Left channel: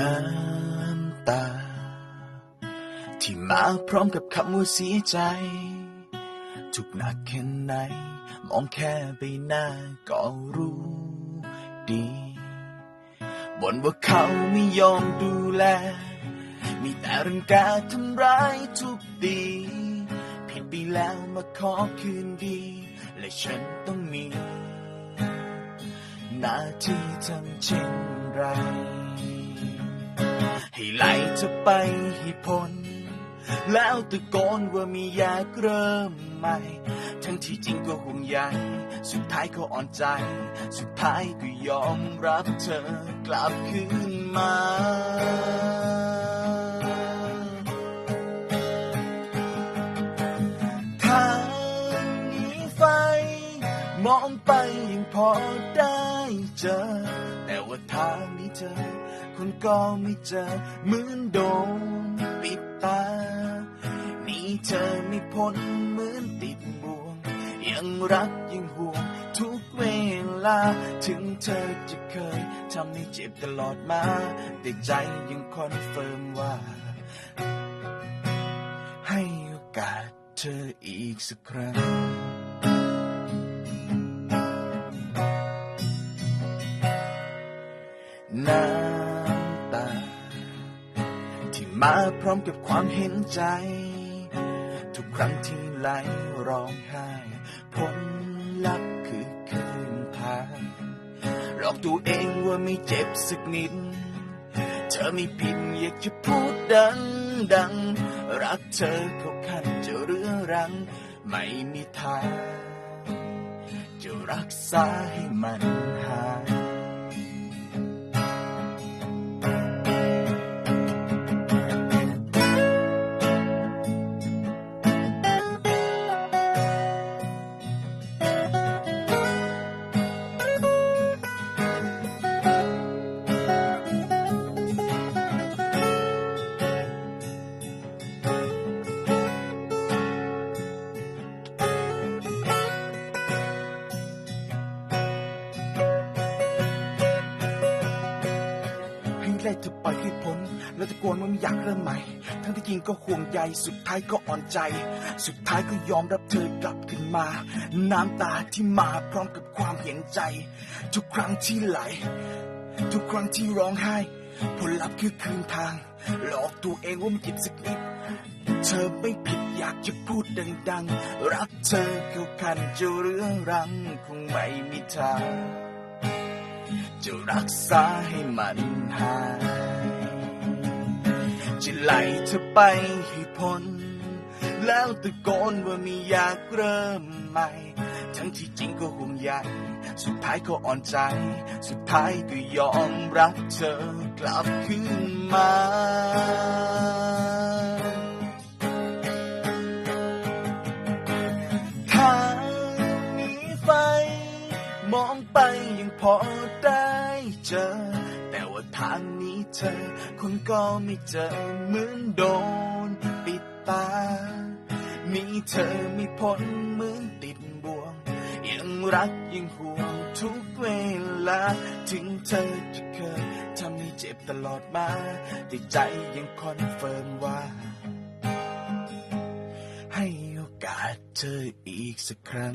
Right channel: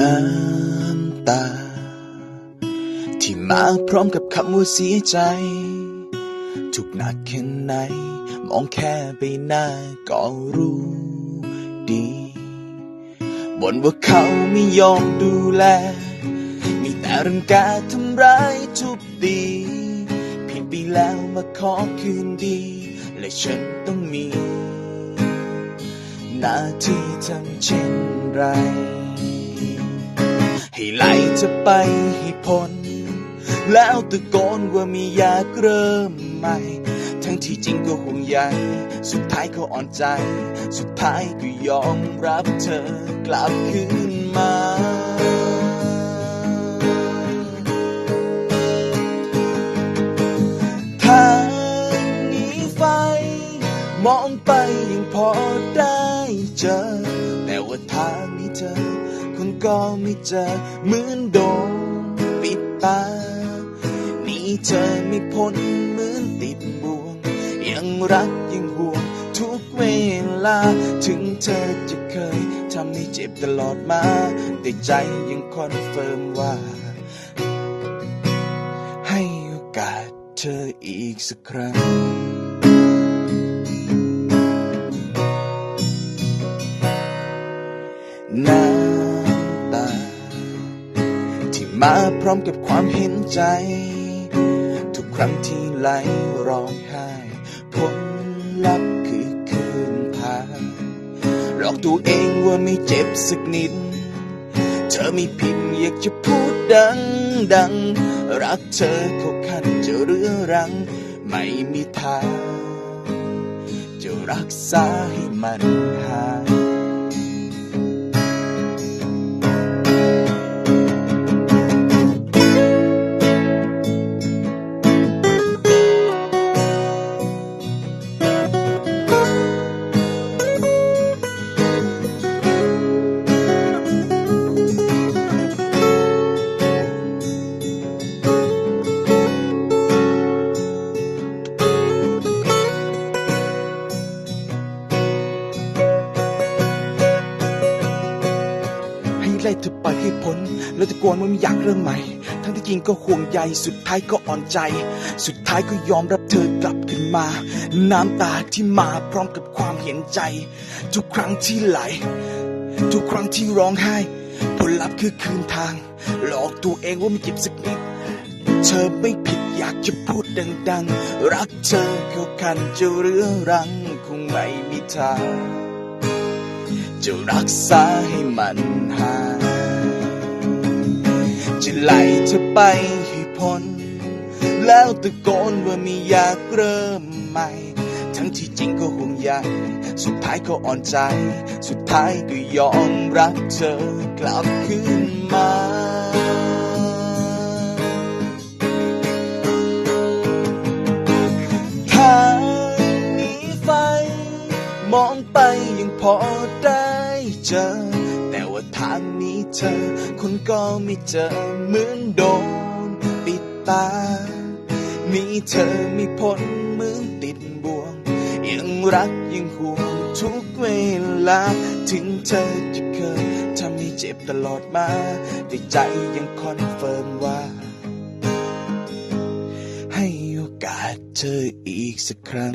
น้ำตา ที่มาพร้อมกับคำว่าเสียใจ ทุกหนักแค่ไหน มองแค่ใบหน้าก็รู้ดีบ่นว่าเขาไม่ยอมดูแล มีแต่รื่องกาทำร้ายทุบตีผิดไปแล้วมาขอคืนดี และฉันต้องมี หน้าที่ทำเช่นไร ให้ไหล่เธอไปให้พ้น แล้วตะโกนว่ามีอยากเริ่มใหม่ ทั้งที่จริงก็ห่วงใยสุดท้ายเขาอ่อนใจ สุดท้ายก็ยอมรับเธอกลับคืนมาทางนี้ไฟ มองไปยังพอได้เจอ แต่ว่าทางนี้เจอ คุณก็ไม่เจอเหมือนโดนปิดตานี่เธอไม่พ้นเหมือนติดบ่วง ยังรักยังห่วงทุกเวลา ถึงเธอจะเคยทำให้เจ็บตลอดมา แต่ใจยังคอนเฟิร์มว่า ให้โอกาสเธออีกสักครั้งน้ มาพร้อมกับความเห็นใจ ทุกครั้งที่ไหลร้องไห้ผลลัพธ์คือคืนทาหลอกตัวเองว่าไม่เจ็บสักนิด เธอไม่ผิดอยากจะพูดดังดัง รักเธอเขาขันจะเรื้อรัง ไม่มีทาง จะรักษาให้มันหาย ไล่เธอไปให้พ้น แล้วตะโกนว่าไม่อยากเริ่มใหม่ ทั้งที่จริงก็ห่วงใยสุดท้ายก็อ่อนใจ สุดท้ายก็ยอมรับเธอกลับขึ้นมา น้ำตาที่มาพร้อมกับความเห็นใจ ทุกครั้งที่ไหล ทุกครั้งที่ร้องไห้ ผลลัพธ์คือคืนทาง หลอกตัวเองว่าไม่เจ็บสักนิดเธอไม่ผิดอยากจะพูดดัง ๆ รักเธอเขาคันจะเรื้อรังคงไม่มีทาง จะรักษาให้มันหาย จะไล่เธอไปให้พ้น แล้วตะโกนว่าไม่อยากเริ่มใหม่ ทั้งที่จริงก็ห่วงใยสุดท้ายก็อ่อนใจ สุดท้ายก็ยอมรับเธอกลับคืนมาทางนี้ไฟ มองไปยังพอได้ เจอ แต่ว่าทางนี้เธอคนก็ไม่เจอเหมือนโดนปิดตา มีเธอไม่พ้นเหมือนติดบ่วง ยังรักยังห่วงทุกเวลา ถึงเธอจะเคยทำให้เจ็บตลอดมา แต่ใจยังคอนเฟิร์มว่า ให้โอกาสเธออีกสักครั้ง